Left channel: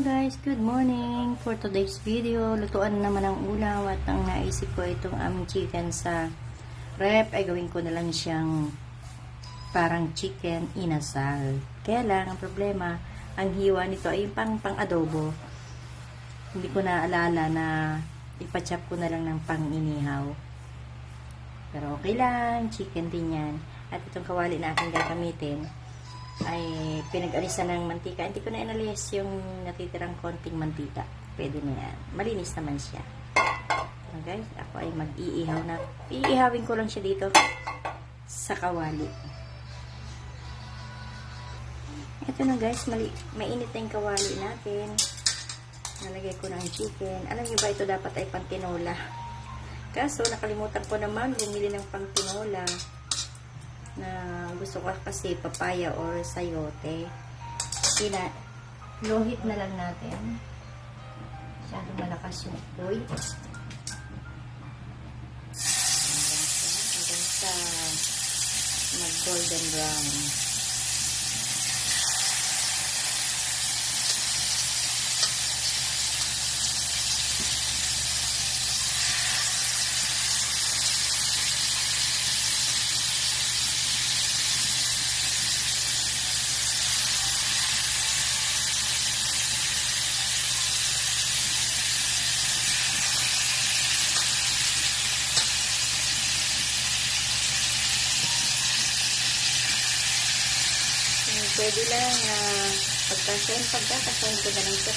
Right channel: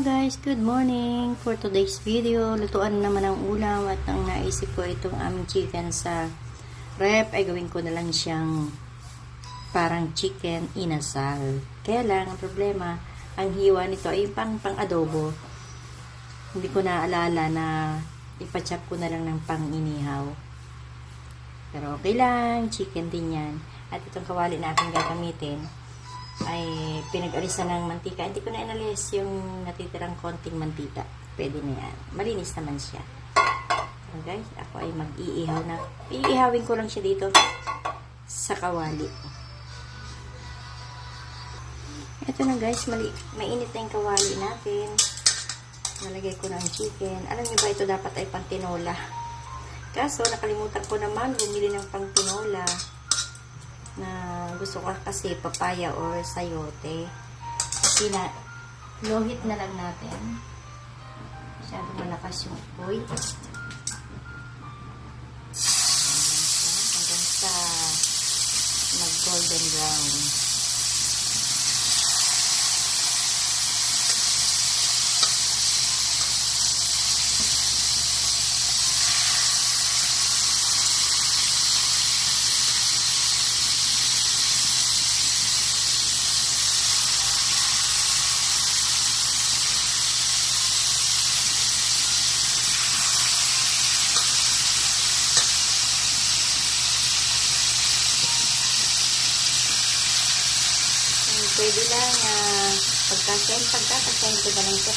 Hello guys, good morning. For today's video, lutuan naman ang ulam at ang naisip ko itong aming chicken sa rep ay gawin ko na lang siyang parang chicken inasal. Kaya lang, ang problema, ang hiwa nito ay yung pang adobo. Hindi ko naalala na ipachop ko na lang ng pang inihaw. Pero okay lang, chicken din yan. At itong kawali na aking gagamitin ay pinag-alisan ng mantika. Hindi ko na inalis yung natitirang konting mantika. Pwede na yan. Malinis naman siya. So guys, ako ay mag-iihaw na. Iihawin ko lang siya dito sa kawali. Ito na guys, mainit na yung kawali natin. Nalagay ko na ang chicken. Alam niyo ba, ito dapat ay pantinola. Kaso, nakalimutan ko naman bumili ng pantinola na gusto ko kasi papaya or sayote. Lohit na lang natin. Masyadong malakas yung apoy. Hanggang sa mag-golden brown. Pwede lang pagkakasend ko na lang siya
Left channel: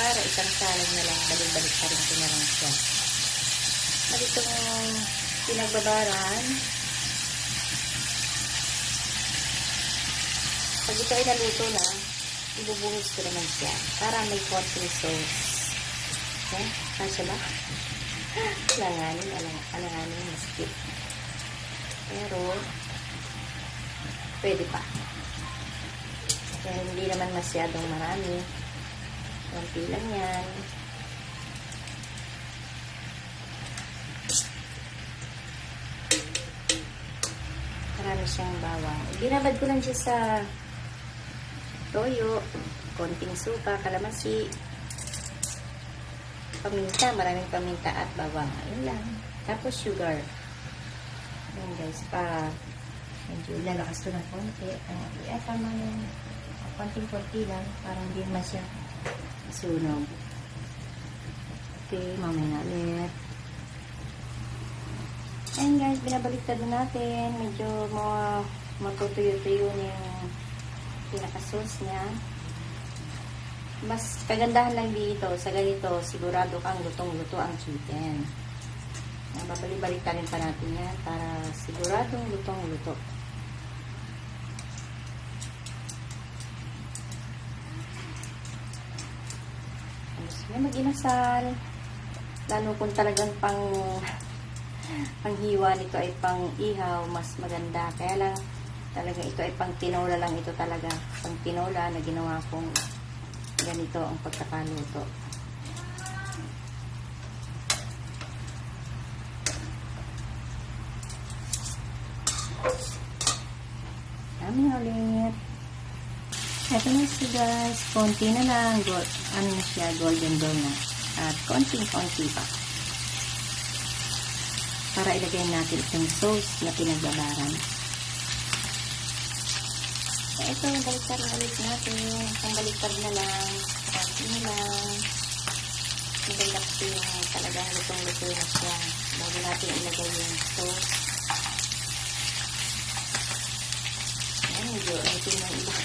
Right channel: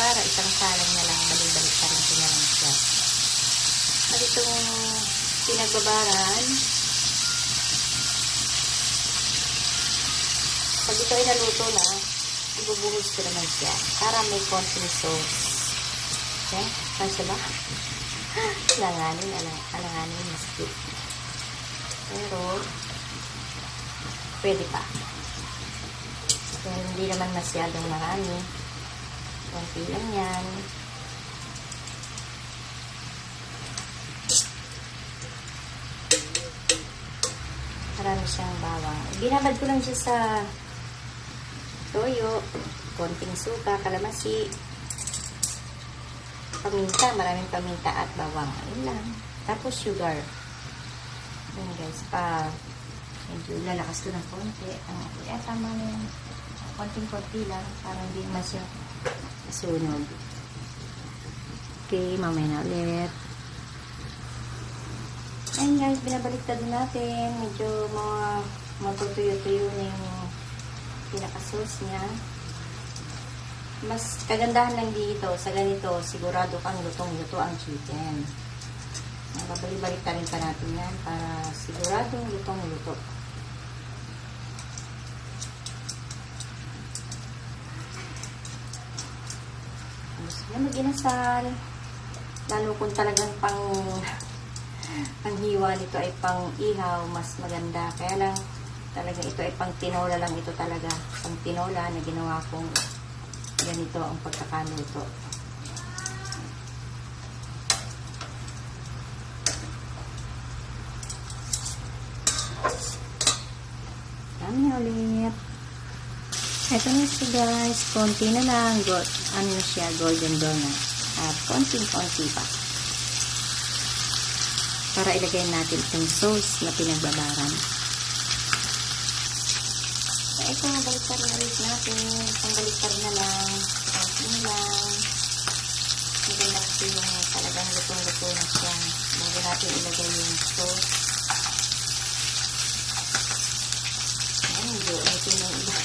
para isang salang na lang, balik-balik pa rin ko na lang siya. At itong pinagbabaran, pag ito ay naluto na, ibubuhos ko naman siya para may konting sauce. Okay? Kasi ba? Alanganin, maskip. Pero, pwede pa. So, hindi naman masyadong marami. Konti lang yan. Marami siyang bawang. Binabad ko lang siya sa toyo, konting suka, kalamansi, paminta, maraming paminta at bawang. Yun lang. Tapos sugar. Yun guys, medyo lalakas ko ng konti. Tama na yung konting-konti lang para hindi masya sunog. Okay, mamaya na ulit. Ayun guys, binabaliktad na natin. Medyo matutuyo-tuyo na yung pinaka-sauce niya. Mas kagandahan lang dito, sa ganito, sigurado kang lutong-luto ang chicken. Babalik-balik pa rin pa natin yan para siguradong lutong-luto. Gusto mag-inasal, lalo kung talagang pang hiwa nito ay pang ihaw, mas maganda. Kaya lang talaga ito ay pang tinola lang ito talaga, pang tinola na ginawa kong ganito ang pagkakaluto. Dami ulit. Ito na siya guys, konti na lang, ano na siya, golden brown na. At konting-konti pa. Para ilagay natin itong sauce na pinagbabaran. So, ito, baliktad na ulit natin. Baliktad na lang. Konti na lang. Maganda kasi yung talagang lutong-luto na siya. Bago natin ilagay yung sauce. Ay, medyo ulitin na iba.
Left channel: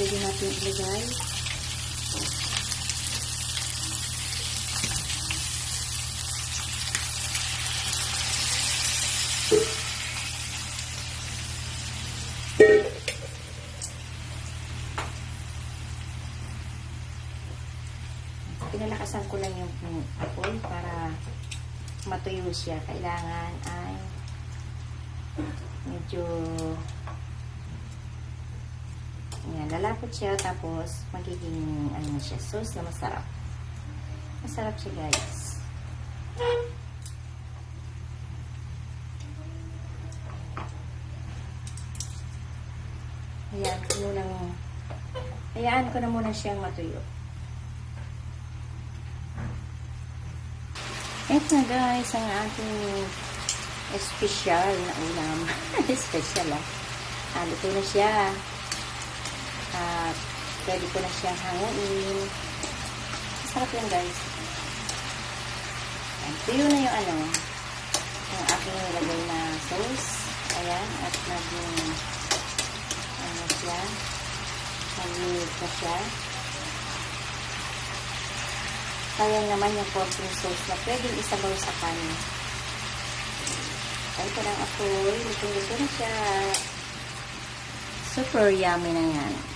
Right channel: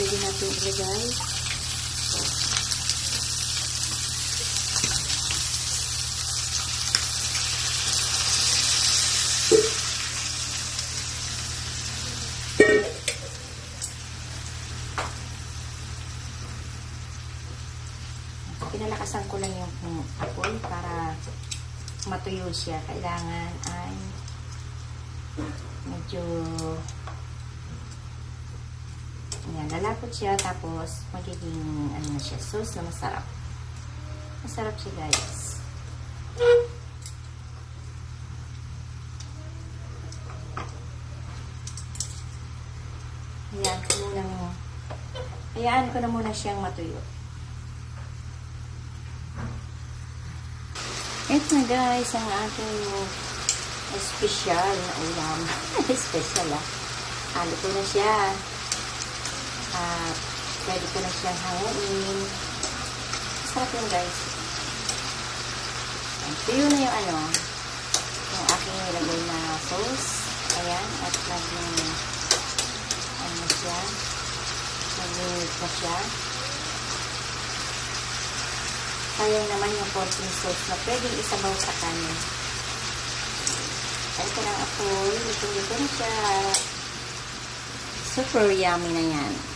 Pwede natin ilagay. Pinalakasan ko lang yung apoy para matuyo siya. Kailangan ay medyo yan, lalapot siya tapos magiging ano na siya, sauce na masarap. Masarap siya, guys. Hayaan ko na muna siyang matuyo. Ito na, guys, ang ating special na ulam. Special, ah. Halo ko na siya. At pwede ko na siyang hanguin. Masarap yan, guys. Tuyo na yung ano, yung aking nilagay na sauce. Ayan, at naging ano siya, naging na siya. Sayang naman yung konting sauce na pwedeng isabaw sa kanin. Ito lang ako, luto na siya. Super yummy na yan.